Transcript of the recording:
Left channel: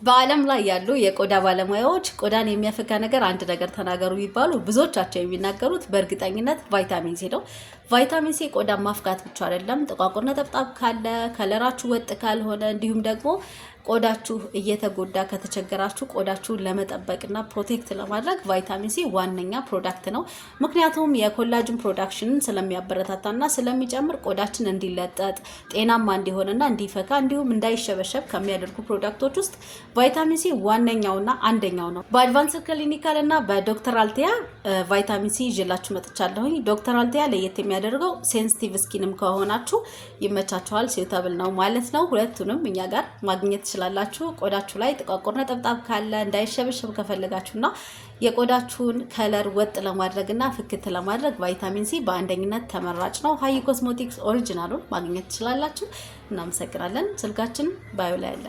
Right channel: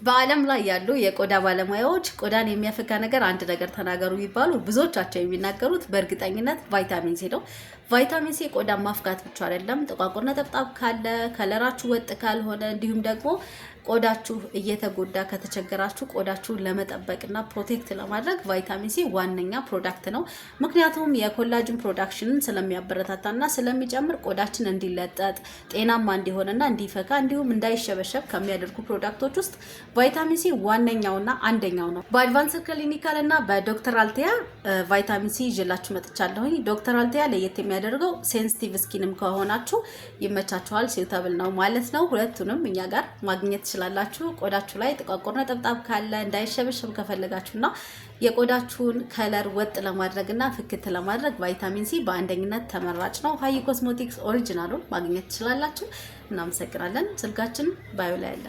በአለም ላይ ያሉ የቆዳ ባለሙያዎች ቆዳን የሚያፈካ ነገር አንድ ነገር ተናገሩ ይባሉ ብዙዎቻቸው የሚናገሩት በእርግጠኝነት ቫይታሚን ሲ ነው። ቫይታሚን ሲ ቆዳ ማፍካት ብቻ አይደለም፣ ጥቋቁር ነጠብጣብ ካለ፣ ከለራችሁ ወጥ ካልሆነ፣ እንዲሁም ደግሞ ቆዳችሁ እየተጎዳ ከተቸገራችሁ ቆዳችሁን ለመጠበቅና ፕሮቴክት ለማድረግ ቫይታሚን ሲ ዋነኛ ፕሮዳክት ነው። ምክንያቱም የኮላጅን ፕሮዳክሽንን ስለሚያበረታታና ስለሚጨምር ቆዳችን እንዲለጠጥ ጤናማ እንዲሆንና እንዲፈካ እንዲሁም እንዳይሸበሸብ ከሚያደርጉ ፕሮዳክቶች ውስጥ ቫይታሚን ሲ ዋነኛውና አንደኛው ነው። በአድቫንስድ ክሊኒካል እና በዶክተር አልቲያ ቫይታሚን ሲ ይዤላችሁ መጥቻለሁኝ። ዶክተር አልቲያ ለየት የሚያደርገው ሴንሲቲቭ ስኪንም ከሆናችሁ ይመቻችኋል፣ ሲውታብል ነው ማለት ነው። ሁለቱንም እኛ ጋር ማግኘት ትችላላችሁ። ቆዳችሁ ላይ ጥቋቁር ነጠብጣብ ካለ እንዳይሸበሸብ ከፈለጋችሁና የቆዳችሁን ከለር ወጥ ለማድረግና ፍክት ለማድረግ ቫይታሚን ሲ በአንደኝነት ተመራጭ ነው። ሃይ ኮስሞቲክስ ኦሪጂናሉን ማግኘት ትችላላችሁ። እናመሰግናለን። ስልካችን ባዮ ላይ አለ።